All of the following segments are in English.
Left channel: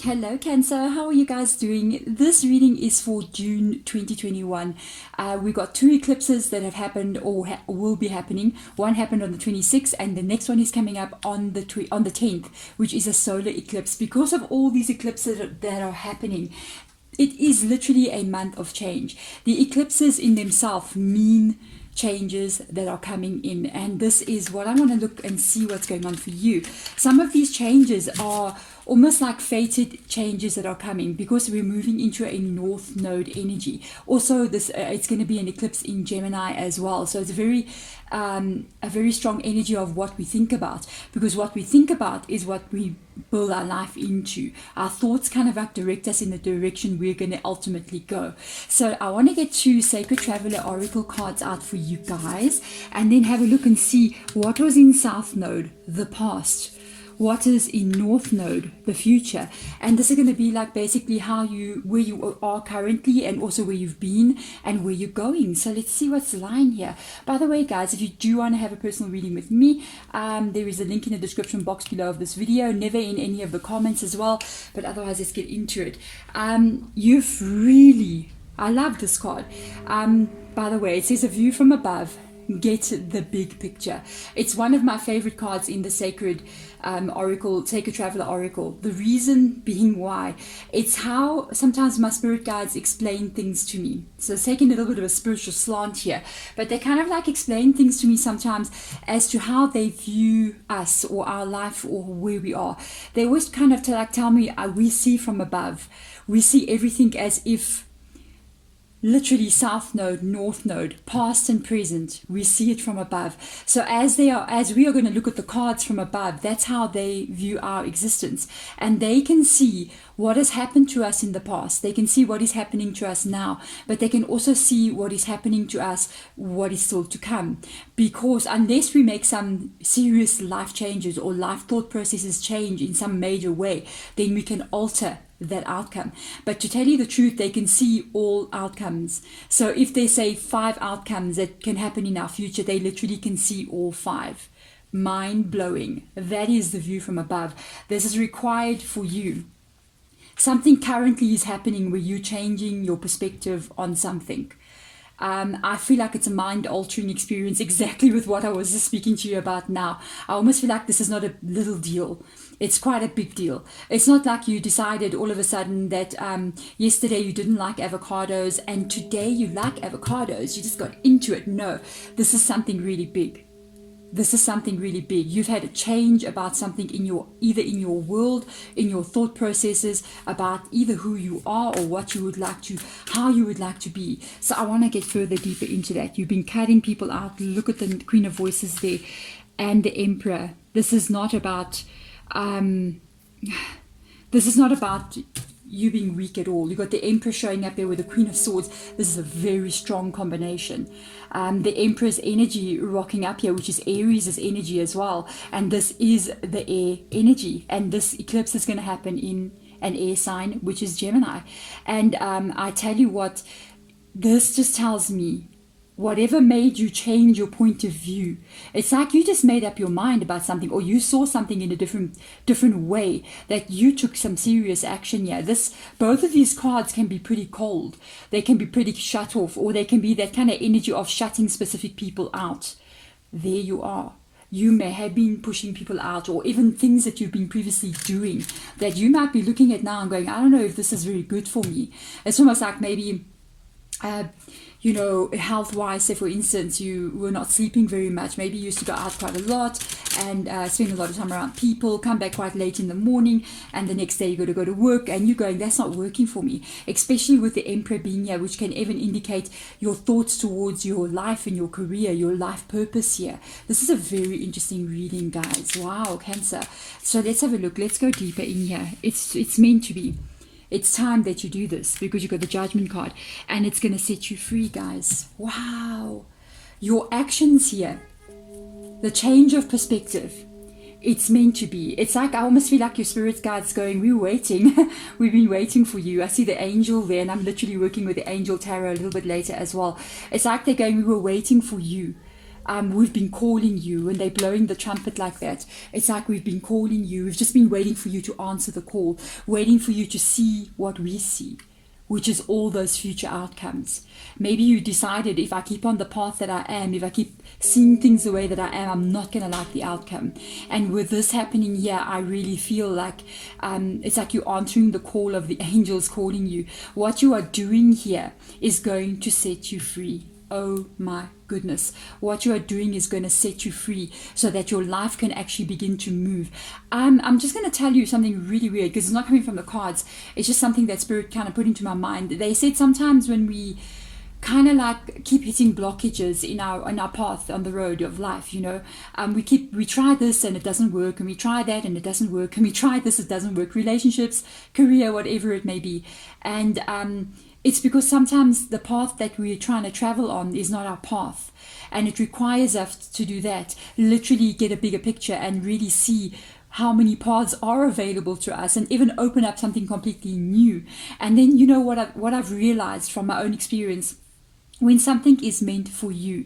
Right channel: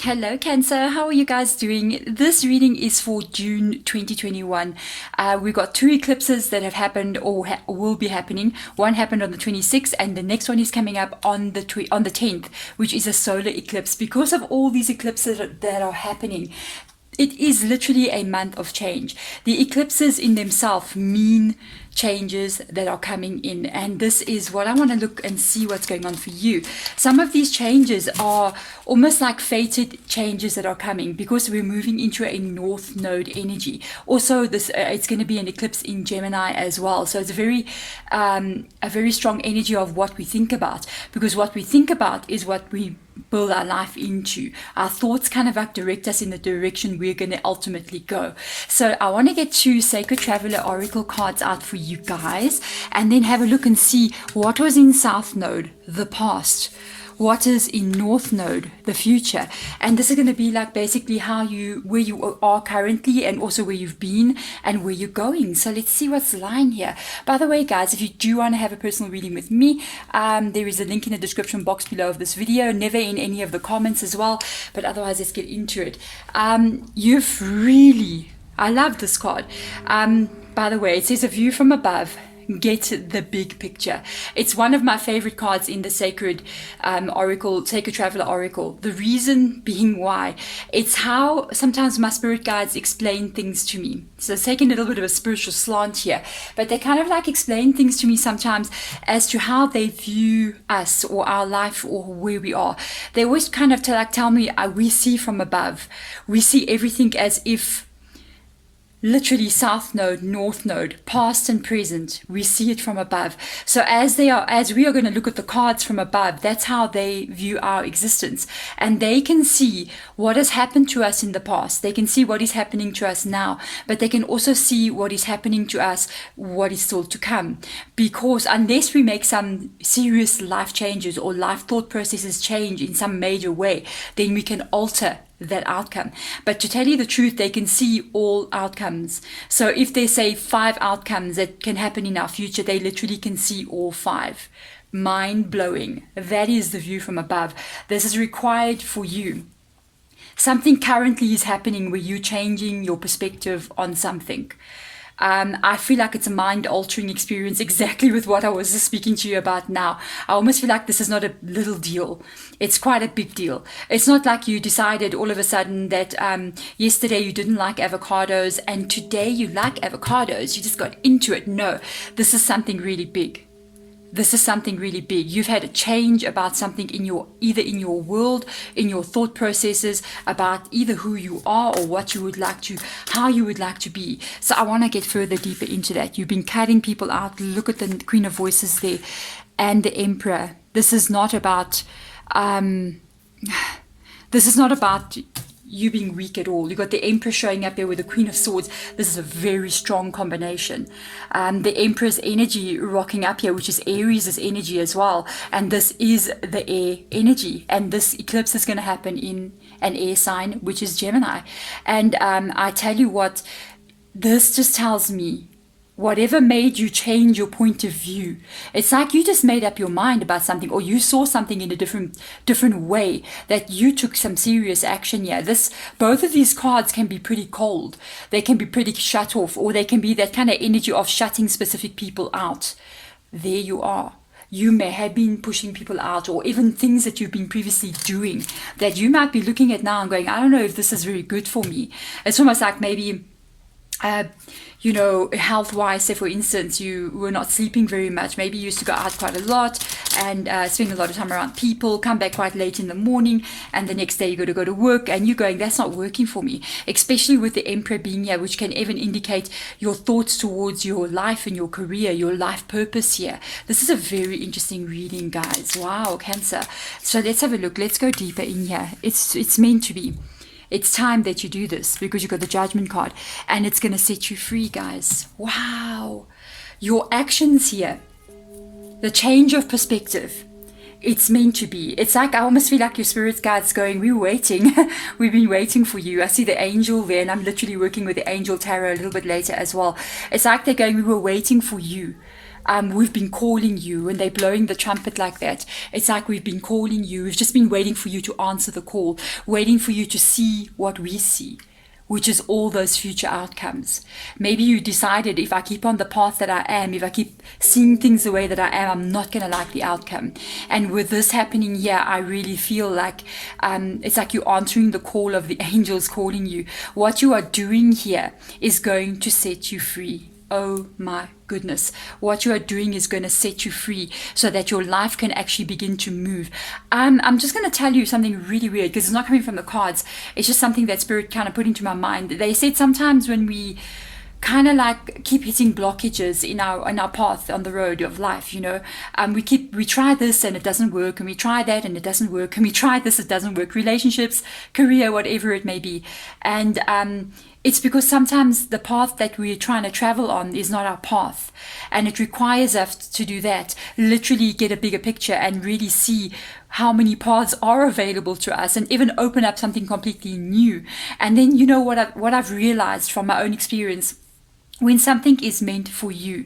Hello, Cancer. How are you guys doing? This reading is for June 2021. We've got two eclipses that have happened or will be happening. One happened on the 26th, and the next one is coming up on the 10th, which is a solar eclipse. Because of all these eclipses that are happening, it is literally a month of change. The eclipses in themselves mean changes that are coming in, and this is what I want to look and see what's going on for you. Some of these changes are almost like fated changes that are coming because we're moving into a north node energy. Also, this it's going to be an eclipse in Gemini as well, so it's a very strong energy of what we think about, because what we think about is what we build our life into. Our thoughts kind of like direct us in the direction we're going to ultimately go. So I want to get two Sacred Traveler Oracle cards out for you guys, and then have a look and see what was in South Node, the past, what is in North Node, the future. And this is going to be like basically where you are currently, and also where you've been and where you're going. So let's see what's lying here. By the way, guys, if you do want to have a personal reading with me, there is a link in the description box below of this video, never in any of the comments as well. But otherwise, let's get into it. I love this card. By the way, it says a view from above. Get the big picture. It's one of my favorite cards in the Sacred Traveler Oracle. The reason being why, it's how sometimes my spirit guides explain things to me. So it's taking a little bit of a spiritual slant here, but they kind of like explain things to me sometimes as to how they view us or our life or where we are. They always kind of tell me we see from above. We see everything as if literally South Node, North Node, past and present, we see it from above. So as we are going to look at the cards from above, that's how they view our existence. And they can see what has happened to us in the past. They can see what is happening to us now, but they can also see what is happening to us, what is still to come. Because unless we make some serious life changes or life thought processes change in some major way, then we can alter that outcome. But to tell you the truth, they can see all outcomes. So if they say 5 outcomes that can happen in our future, they literally can see all 5. Mind blowing. That is the view from above. This is required for you. Something currently is happening where you're changing your perspective on something. I feel like it's a mind-altering experience, exactly with what I was just speaking to you about now. I almost feel like this is not a little deal. It's quite a big deal. It's not like you decided all of a sudden that yesterday you didn't like avocados and today you like avocados. You just got into it. No, this is something really big. This is something really big. You've had a change about something either in your world, in your thought processes, about either who you are or what you would like to, how you would like to be. So I want to get further deeper into that. You've been cutting people out. Look at the Queen of Voices there and the Emperor. This is not about you being weak at all. You got the Empress showing up here with the Queen of Swords. This is a very strong combination. The Empress energy rocking up here, which is Aries' energy as well. And this is the air energy. And this eclipse is going to happen in an air sign, which is Gemini. And I tell you what, this just tells me, whatever made you change your point of view, it's like you just made up your mind about something, or you saw something in a different way, that you took some serious action here. Both of these cards can be pretty cold. They can be pretty shut off, or they can be that kind of energy of shutting specific people out. There you are. You may have been pushing people out, or even things that you've been previously doing that you might be looking at now and going, I don't know if this is very good for me. It's almost like maybe health-wise, say for instance, you were not sleeping very much. Maybe you used to go out quite a lot and spend a lot of time around people, come back quite late in the morning, and the next day you got to go to work, and you're going, that's not working for me. Especially with the Emperor being here, which can even indicate your thoughts towards your life and your career, your life purpose here. This is a very interesting reading, guys. Wow, Cancer. So let's have a look. Let's go deeper in here. It's meant to be. It's time that you do this because you got the Judgment card, and it's going to set you free, guys. Wow. Your actions here, the change of perspective, it's meant to be. It's like, I almost feel like your spirit guide's going, we're waiting. We've been waiting for you. I see the angel there, and I'm literally working with the angel tarot a little bit later as well. It's like they're going, we were waiting for you. we've been calling you, and they're blowing the trumpet like that. It's like we've been calling you. We've just been waiting for you to answer the call, waiting for you to see what we see, which is all those future outcomes. Maybe you decided, if I keep on the path that I am, if I keep seeing things the way that I am, I'm not going to like the outcome. And with this happening here, I really feel like it's like you're answering the call of the angels calling you. What you are doing here is going to set you free. Oh my goodness. What you are doing is going to set you free so that your life can actually begin to move. I'm just going to tell you something really weird, because it's not coming from the cards. It's just something that Spirit kind of put into my mind. They said sometimes when we kind of like keep hitting blockages in our path on the road of life, we try this and it doesn't work, and we try that and it doesn't work, and we try this, it doesn't work, relationships, career, whatever it may be. And it's because sometimes the path that we're trying to travel on is not our path, and it requires us to do that, literally get a bigger picture and really see how many paths are available to us, and even open up something completely new. And then what I've realized from my own experience, when something is meant for you,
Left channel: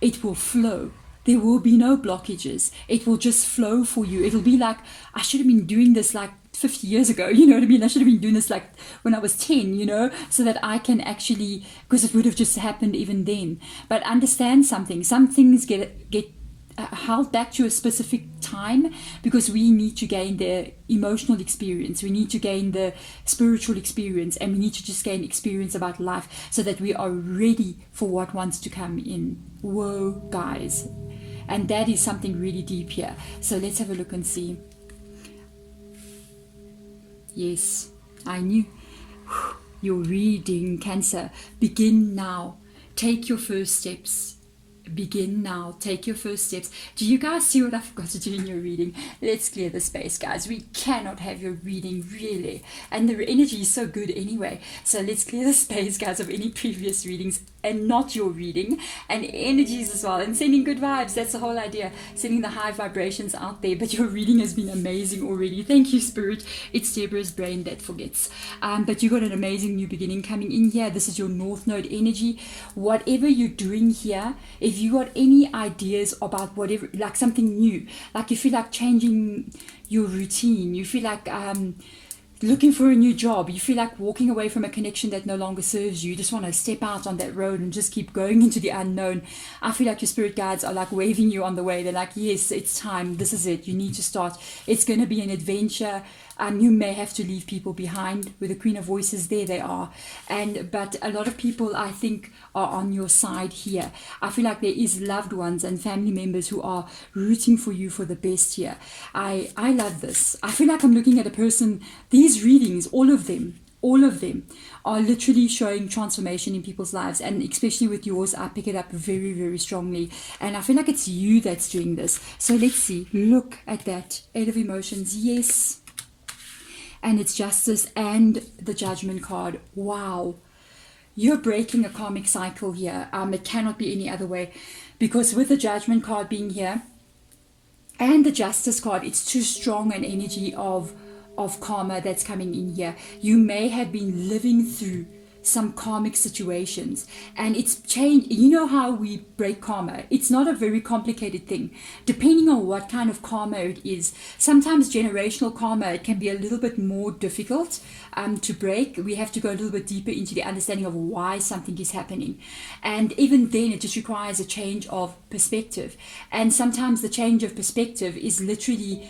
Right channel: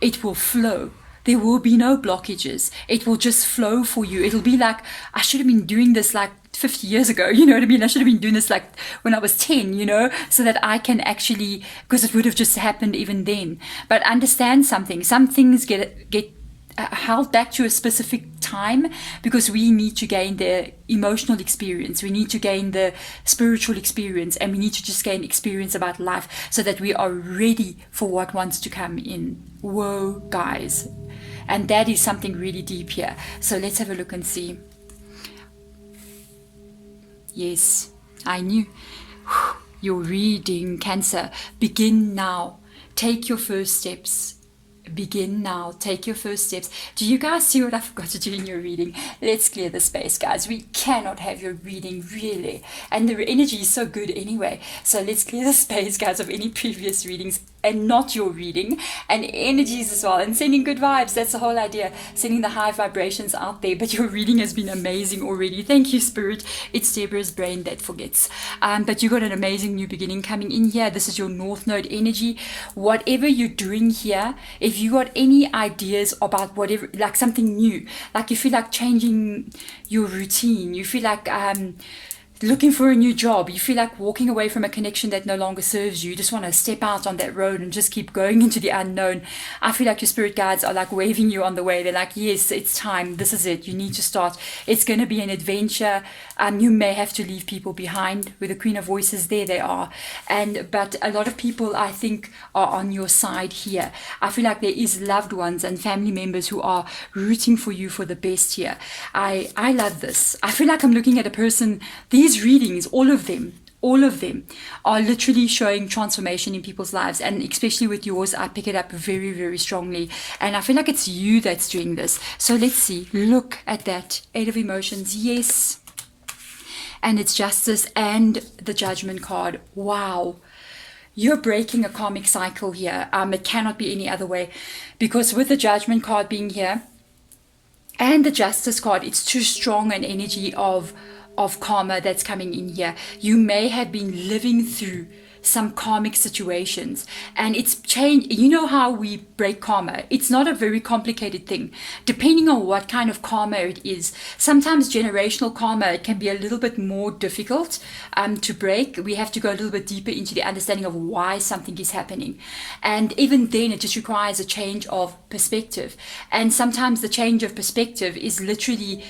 it will flow. There will be no blockages. It will just flow for you. It'll be like, I should have been doing this like 50 years ago, you know what I mean? I should have been doing this like when I was 10, so that I can actually, because it would have just happened even then. But understand something. Some things get held back to a specific time because we need to gain the emotional experience, we need to gain the spiritual experience, and we need to just gain experience about life so that we are ready for what wants to come in. Whoa, guys. And that is something really deep here. So let's have a look and see. Yes, I knew. Your reading, Cancer. Begin now. Take your first steps. Begin now. Take your first steps. Do you guys see what I forgot to do in your reading? Let's clear the space, guys. We cannot have your reading, really. And the energy is so good anyway. So let's clear the space, guys, of any previous readings and not your reading, and energies as well, and sending good vibes. That's the whole idea, sending the high vibrations out there. But your reading has been amazing already. Thank you, Spirit. It's Deborah's brain that forgets. But you got an amazing new beginning coming in here. This is your North Node energy. Whatever you're doing here, if you got any ideas about whatever, like something new, like you feel like changing your routine, you feel like looking for a new job, you feel like walking away from a connection that no longer serves you, you just want to step out on that road and just keep going into the unknown, I feel like your spirit guides are like waving you on the way. They're like, yes, it's time, this is it, you need to start. It's going to be an adventure. You may have to leave people behind. With the Queen of Voices, there they are. But a lot of people, I think, are on your side here. I feel like there is loved ones and family members who are rooting for you for the best here. I love this. I feel like I'm looking at a person. These readings, all of them are literally showing transformation in people's lives, and especially with yours, I pick it up very, very strongly, and I feel like it's you that's doing this. So let's see. Look at that. 8 of Emotions. Yes. And it's Justice and the Judgment card. Wow. You're breaking a karmic cycle here. It cannot be any other way, because with the Judgment card being here and the Justice card, it's too strong an energy of karma that's coming in here. You may have been living through some karmic situations, and it's changed. You know how we break karma? It's not a very complicated thing, depending on what kind of karma it is. Sometimes generational karma, it can be a little bit more difficult to break. We have to go a little bit deeper into the understanding of why something is happening, and even then it just requires a change of perspective. And sometimes the change of perspective is literally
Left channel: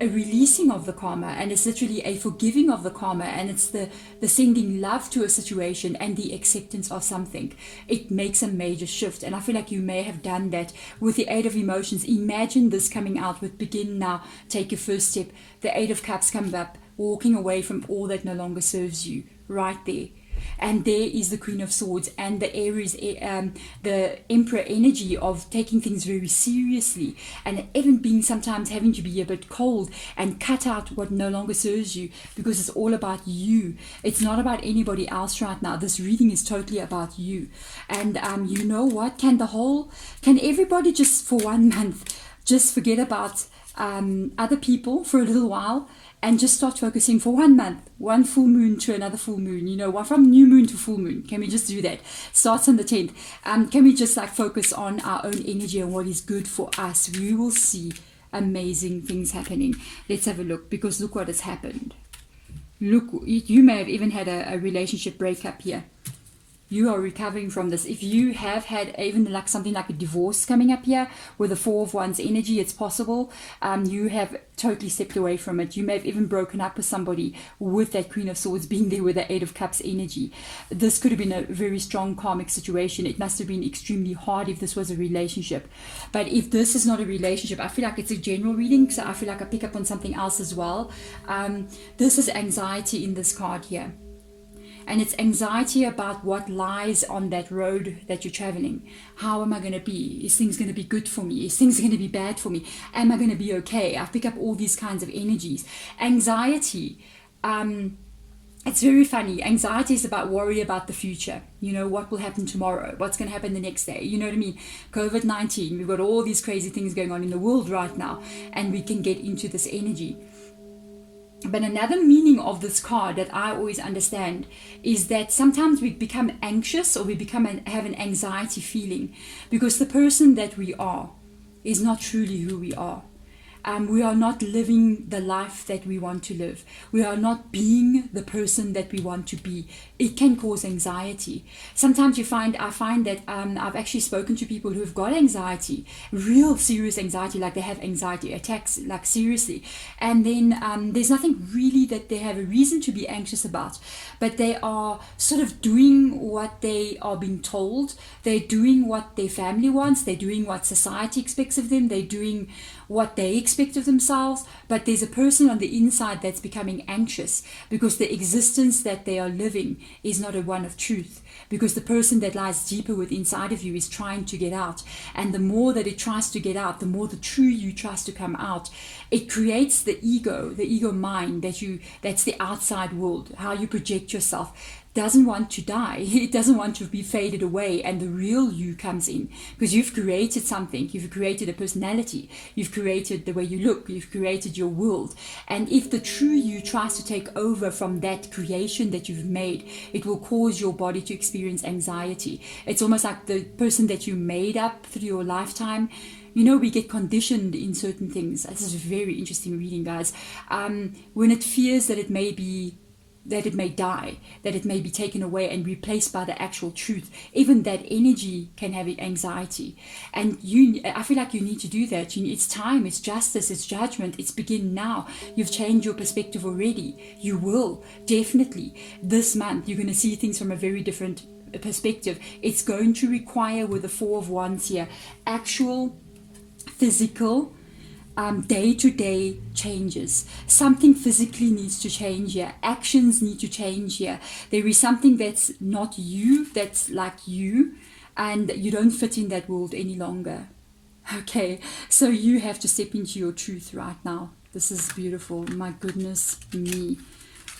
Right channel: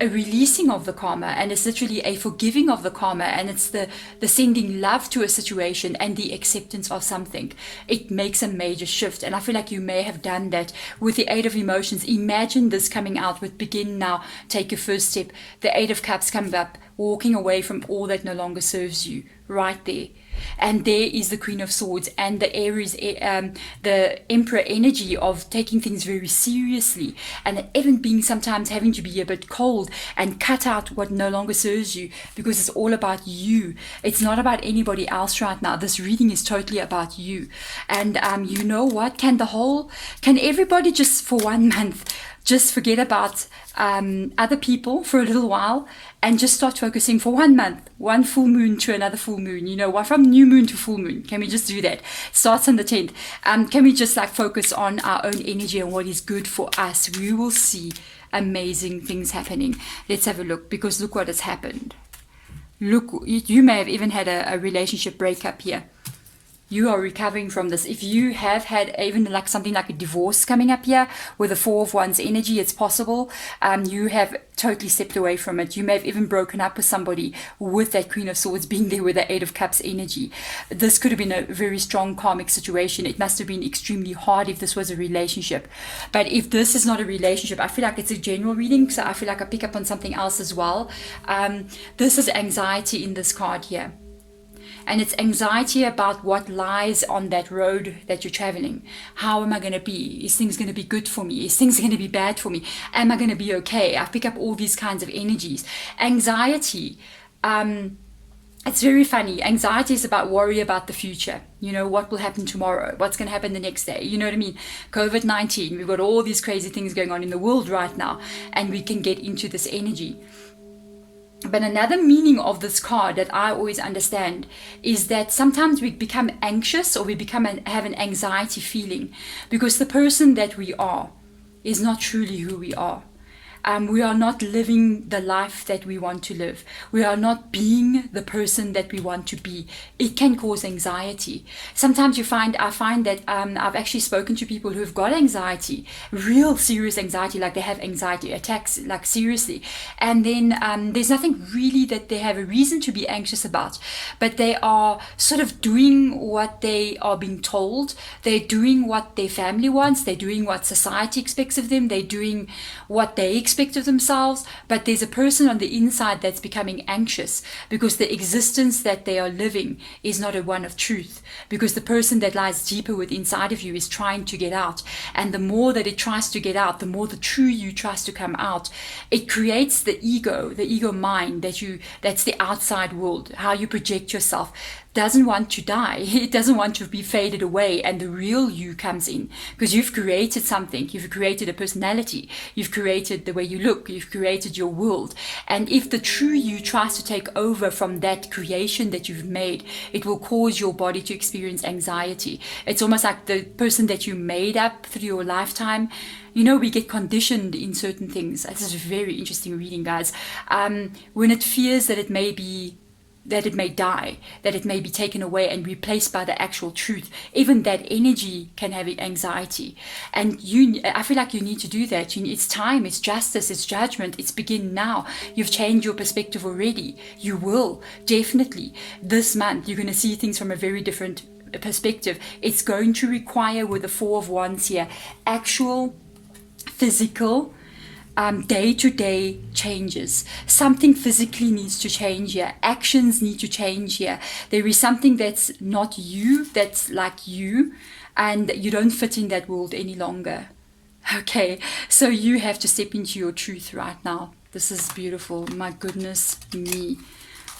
a releasing of the karma, and it's literally a forgiving of the karma, and it's the sending love to a situation and the acceptance of something. It makes a major shift, and I feel like you may have done that with the 8 of Emotions. Imagine this coming out with begin now, take your first step. The 8 of Cups comes up, walking away from all that no longer serves you, right there. And there is the Queen of Swords and the Aries, the Emperor energy of taking things very seriously, and even being sometimes having to be a bit cold and cut out what no longer serves you, because it's all about you. It's not about anybody else right now. This reading is totally about you. And you know what? Can everybody just for 1 month just forget about other people for a little while and just start focusing for 1 month, one full moon to another full moon, you know, from new moon to full moon. Can we just do that? Starts on the 10th. Can we just like focus on our own energy and what is good for us? We will see amazing things happening. Let's have a look, because look what has happened. Look, you may have even had a relationship breakup here. You are recovering from this. If you have had even like something like a divorce coming up here with the 4 of Wands energy, it's possible. You have totally stepped away from it. You may have even broken up with somebody with that Queen of Swords being there with the 8 of Cups energy. This could have been a very strong karmic situation. It must have been extremely hard if this was a relationship. But if this is not a relationship, I feel like it's a general reading, so I feel like I pick up on something else as well. This is anxiety in this card here. And it's anxiety about what lies on that road that you're traveling. How am I going to be? Is things going to be good for me? Is things going to be bad for me? Am I going to be okay? I pick up all these kinds of energies. Anxiety, it's very funny. Anxiety is about worry about the future. You know, what will happen tomorrow? What's going to happen the next day? You know what I mean? COVID-19, we've got all these crazy things going on in the world right now, and we can get into this energy. But another meaning of this card that I always understand is that sometimes we become anxious, or we have an anxiety feeling because the person that we are is not truly who we are. We are not living the life that we want to live. We are not being the person that we want to be. It can cause anxiety. Sometimes I find that I've actually spoken to people who have got anxiety, real serious anxiety, like they have anxiety attacks, like seriously. And then there's nothing really that they have a reason to be anxious about, but they are sort of doing what they are being told. They're doing what their family wants. They're doing what society expects of them. They're doing what they expect of themselves, but there's a person on the inside that's becoming anxious because the existence that they are living is not a one of truth, because the person that lies deeper within inside of you is trying to get out, and the more that it tries to get out, the more the true you tries to come out. It creates the ego mind that's the outside world, how you project yourself. Doesn't want to die. It doesn't want to be faded away, and the real you comes in because you've created something. You've created a personality. You've created the way you look. You've created your world. And if the true you tries to take over from that creation that you've made, it will cause your body to experience anxiety. It's almost like the person that you made up through your lifetime. You know, we get conditioned in certain things. This is a very interesting reading, guys. When it fears that it may die, that it may be taken away and replaced by the actual truth, even that energy can have anxiety. And I feel like you need to do that. It's time, it's justice, it's judgment, it's begin now. You've changed your perspective already. You will, definitely. This month, you're going to see things from a very different perspective. It's going to require, with the 4 of Wands here, actual physical day-to-day changes. Something physically needs to change here. Actions need to change here. There is something that's not you, that's like you, and you don't fit in that world any longer. Okay, so you have to step into your truth right now. This is beautiful. My goodness me.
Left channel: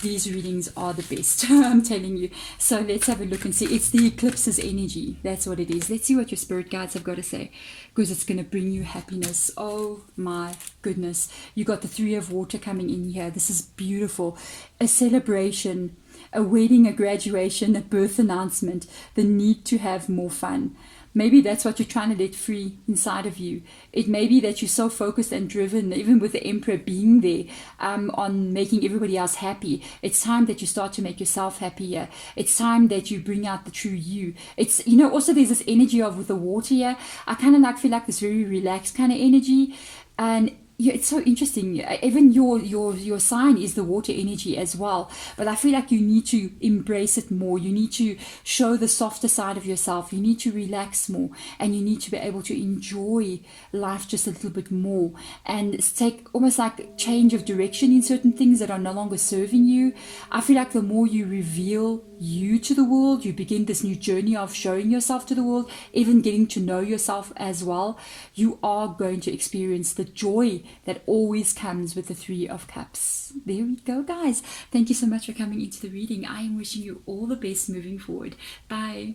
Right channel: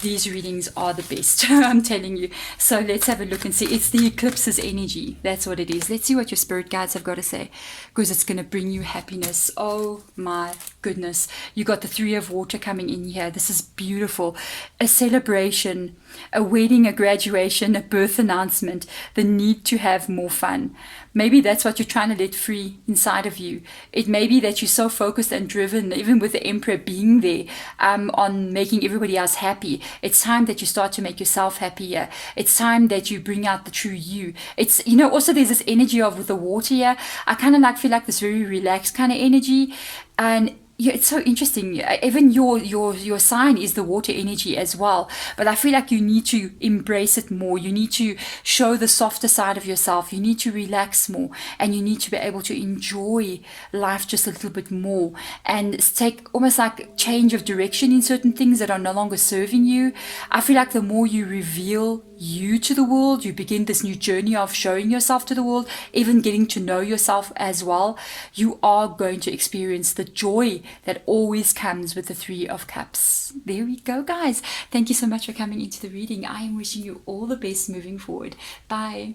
These readings are the best, I'm telling you. So let's have a look and see. It's the eclipses energy. That's what it is. Let's see what your spirit guides have got to say, because it's going to bring you happiness. Oh my goodness. You got the 3 of water coming in here. This is beautiful. A celebration, a wedding, a graduation, a birth announcement, the need to have more fun. Maybe that's what you're trying to let free inside of you. It may be that you're so focused and driven, even with the Emperor being there, on making everybody else happy. It's time that you start to make yourself happier. It's time that you bring out the true you. It's, you know, also there's this energy of with the water here. I kind of feel like this very relaxed kind of energy. And yeah, it's so interesting. Even your sign is the water energy as well. But I feel like you need to embrace it more. You need to show the softer side of yourself. You need to relax more. And you need to be able to enjoy life just a little bit more. And take almost like change of direction in certain things that are no longer serving you. I feel like the more you reveal you to the world, you begin this new journey of showing yourself to the world, even getting to know yourself as well, you are going to experience the joy that always comes with the 3 of Cups. There we go, guys. Thank you so much for coming into the reading. I am wishing you all the best moving forward. Bye.